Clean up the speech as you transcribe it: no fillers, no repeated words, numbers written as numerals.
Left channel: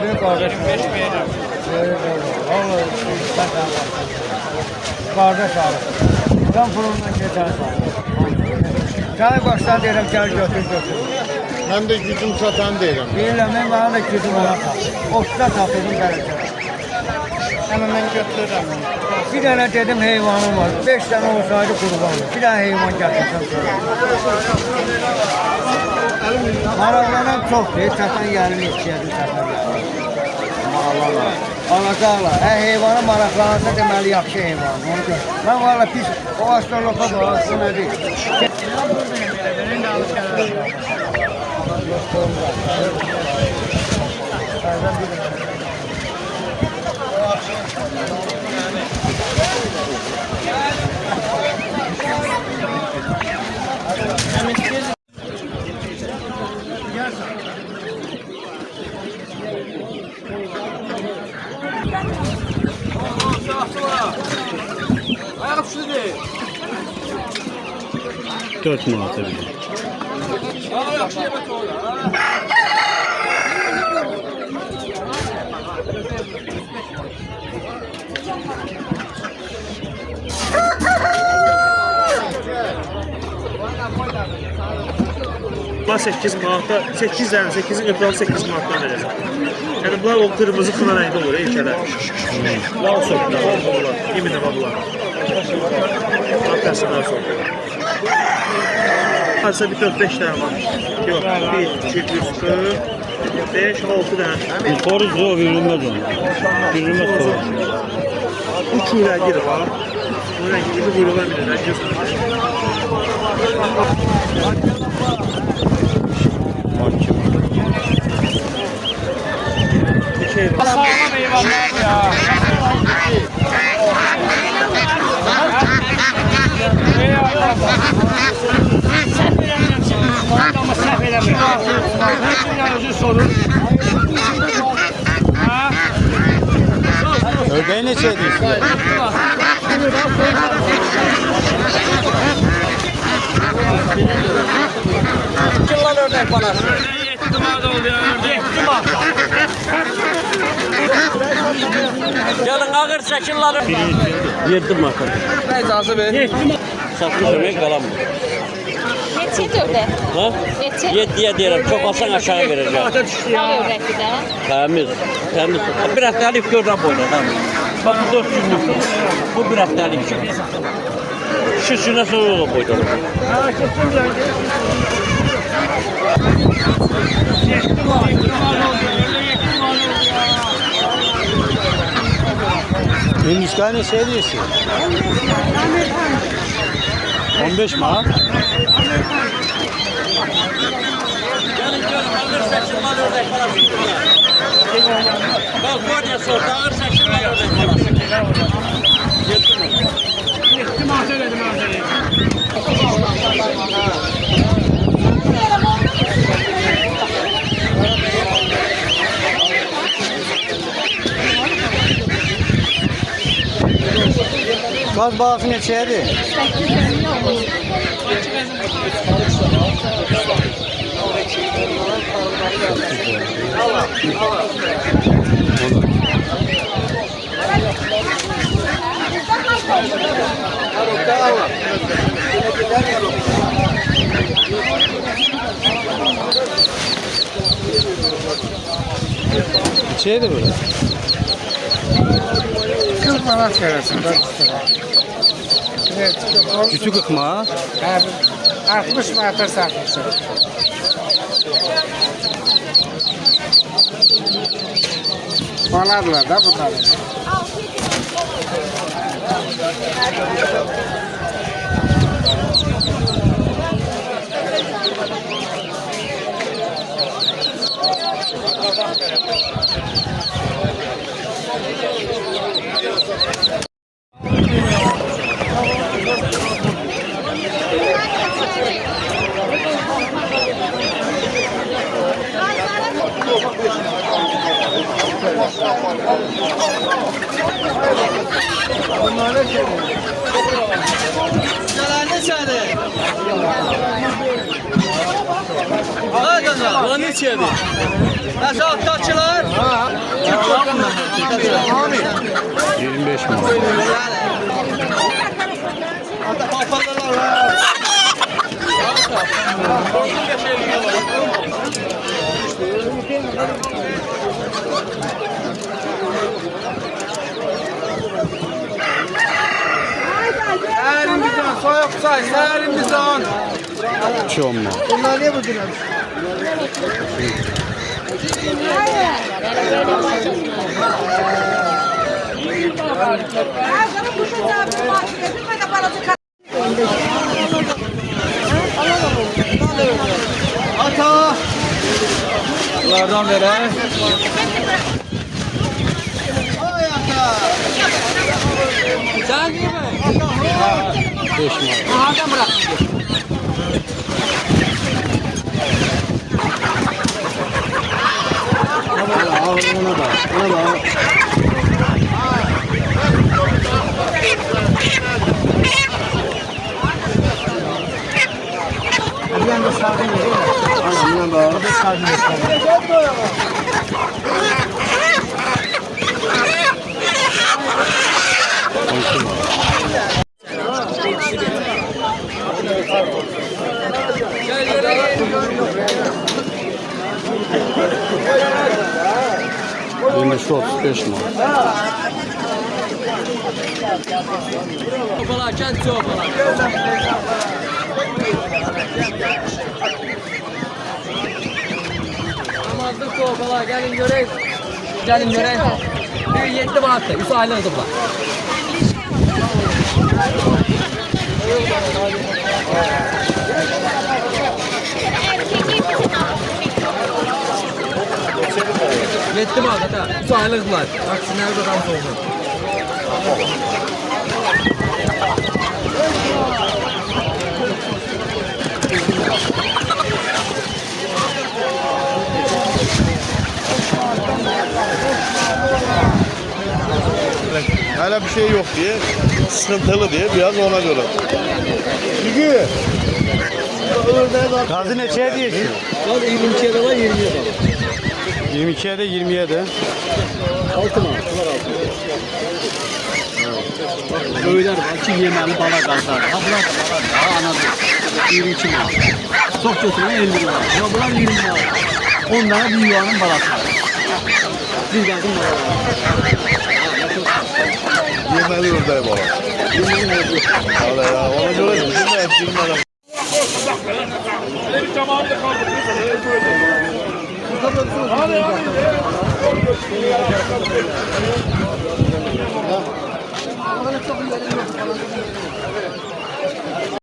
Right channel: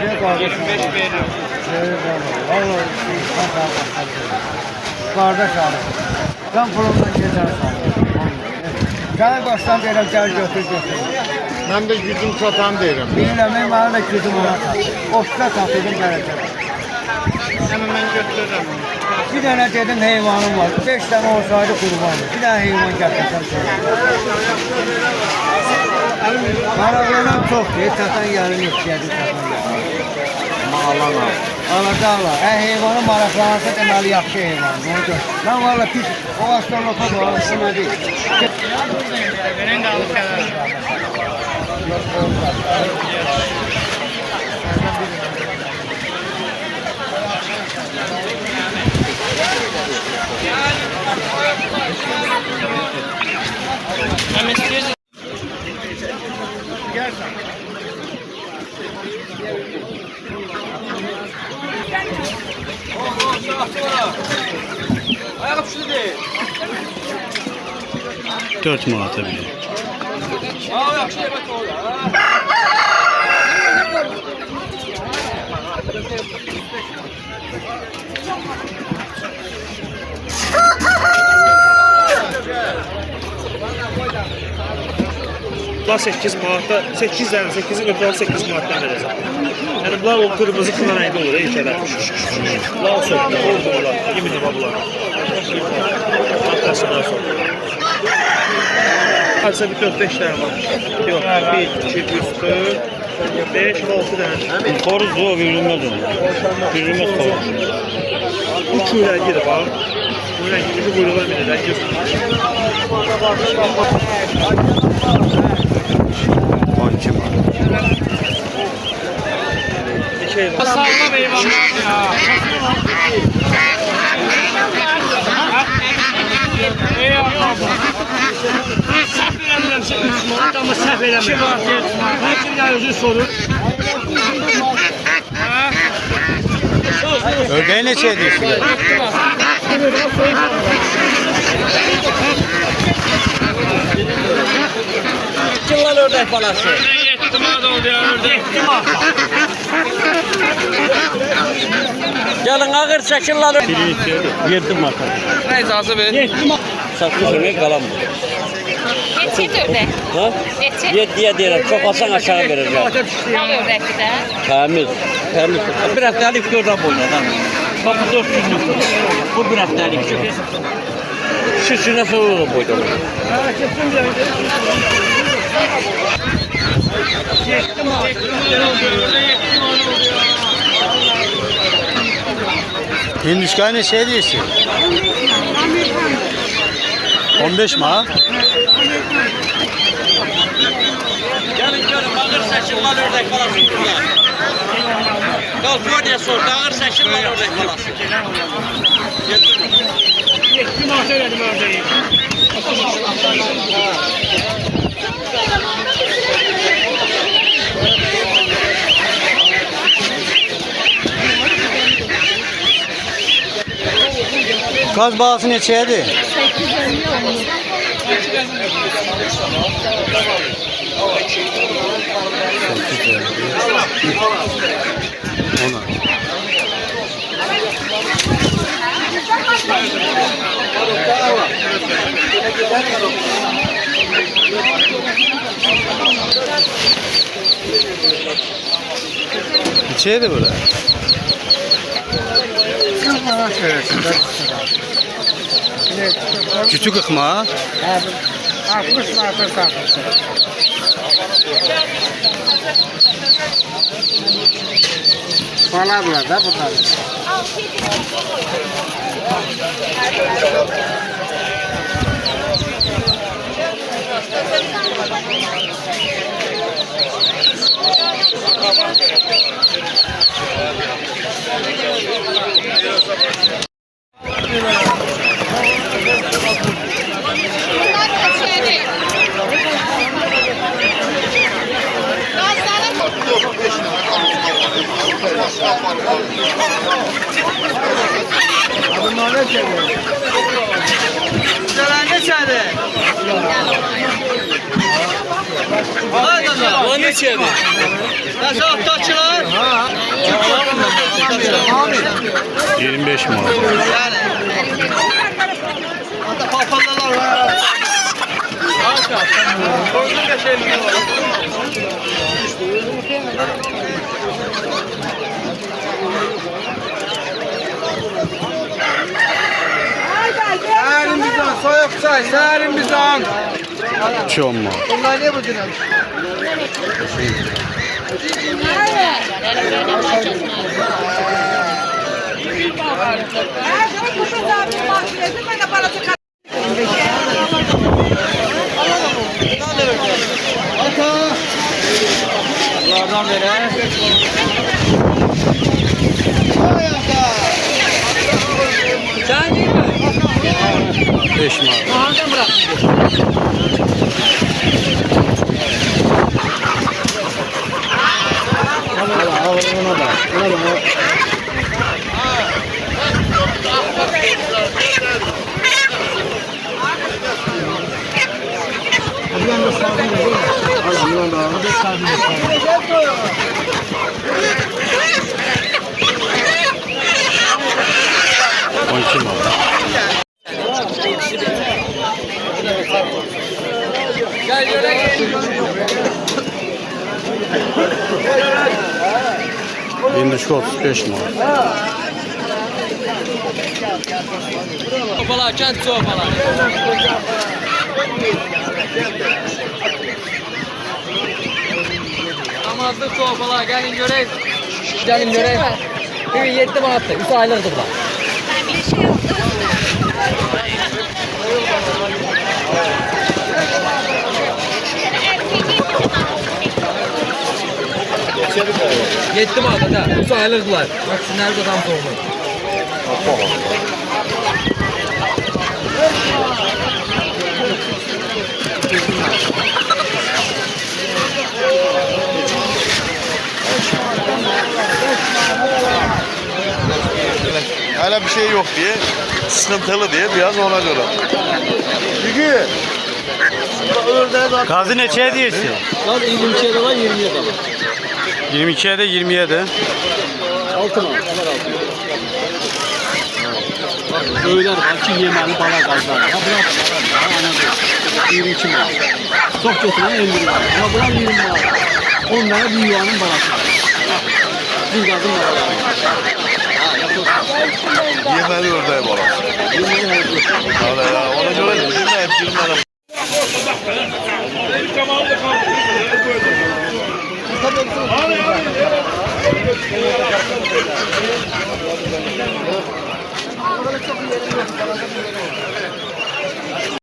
diye kardeş. Vallahi ben daha başlayacağım. Kardeş ağrı. Sen pulundan geçersen. Gel baştan deyirəm, gel götür. Ben de gücüm çatan deyirəm. Bilirəm, mən bana da gücüm ona satır. Otda satırdım gələcəm. Hemen ben götürürüm. Bir dənə dedim heyvanım var. 5 tane olsaydı kurbanım. Bir tane heyvan gətirdim sonra. Maraqlanan çoxdur. Satan yarım yetişəydi satan yarım. Alacaqlar. Heyvanı maraqlanırsa deməli yaxşı heyvan. Mən valla pis. O astrolopa var. Bu nədir? Benim de alıp gelelim. Hem istiyorsun. Dört manata bile. Bunlar 8 manatda, 8 dənə, 8-in ötürü 8 manatdan verəcəm. Yəni bunlar o qırmızı kına rəngdə olur, ilkədə. Lal sökdür, olmurlar, 20 lira bunlar. Arkasınlar sonra. Hadisa bir 4-5 dənə var. Yox, 1, 2, 3, 4, 5, 6 dənə. Koruz yok, verilmez onu. Verilmez koruz. Bu çuğlar girir ha. Bu rəngi bizi buyruğa bilir, rəngi. Hakim. Sağlam eyvallah ya. Səhv eləmirəm şimdi Müslüman ama səhv eləmirəm. Hər gün özü sorur. Ördeği ne şey diyorsun? Kilal ördek balası. İhtimal oldu ya ördek. İhtimal. Gelin ağır çekillar. Yerdim marka. Ne icazı ver? İhtimal. Saklı sene kalan mı? Neçə ördək? Ha? Neçə? 7'ye diyelim. Çok alsan aşağı vereceğim. Ördəkdir də. Temiz. Temiz. Bir haftalık gördüm boyuna. Tamam. Bak bu 4 günlük. Bu bir haftalık. Şu şuna sonra da boyda. Hareketin bir yerde. Hindistan şey diyorsun? 15 mi ha? Kaliforniya sordu, ağır seçimler ördek balası. İhtimal söyledim ördeği. Gaz bağısı neçəyədir? 850 olmuş. Neçəyədir burada? 40 manat verirsin. Küçük ıkma. 60 manata satırsın. Baladırlar da bunlar. O neçədir? Nəsə atdaçılar? 25 manat. Elimizden soyuq çay, elimizden. Çok manat. Bunlar ne bu dinar? Ata. Bunlardan veren. Ay ata. Sen değil mi? 5 manat. Aha bırak. Ona bak. Bir anda sağdan değil mi? Aynen bir anda. Bir sağdan. 12 manat. Şimdi şu 35 manat. Çorbalar, kent çorbalar. Namazlı çorbalar, gelin göreyim. Gelin göreyim. Bir 7 Mart'ta, 3 aylıktı bu da. Yetti mi da? 3 aylıklar. Bak şu nerede tam doğru. Hala bir şey yok diye, sıkıntılı diye biraz ona göre. Çünkü Gazi neçeye diyorsun? Lan 22'ye de var, 20'ye de var. 22'ye de 20'ye de. 6 mı? Söyler var ki yemeğini bana kazanır. Ha bırak bana anadır. 22 var. Çok kötüne 50 var. Ama bırak 20 var. Onlara bir yuvanın balası var. Bir gazın var. yemeği oradayım bana. Hala ya, ona göre bizim de hep girmeden.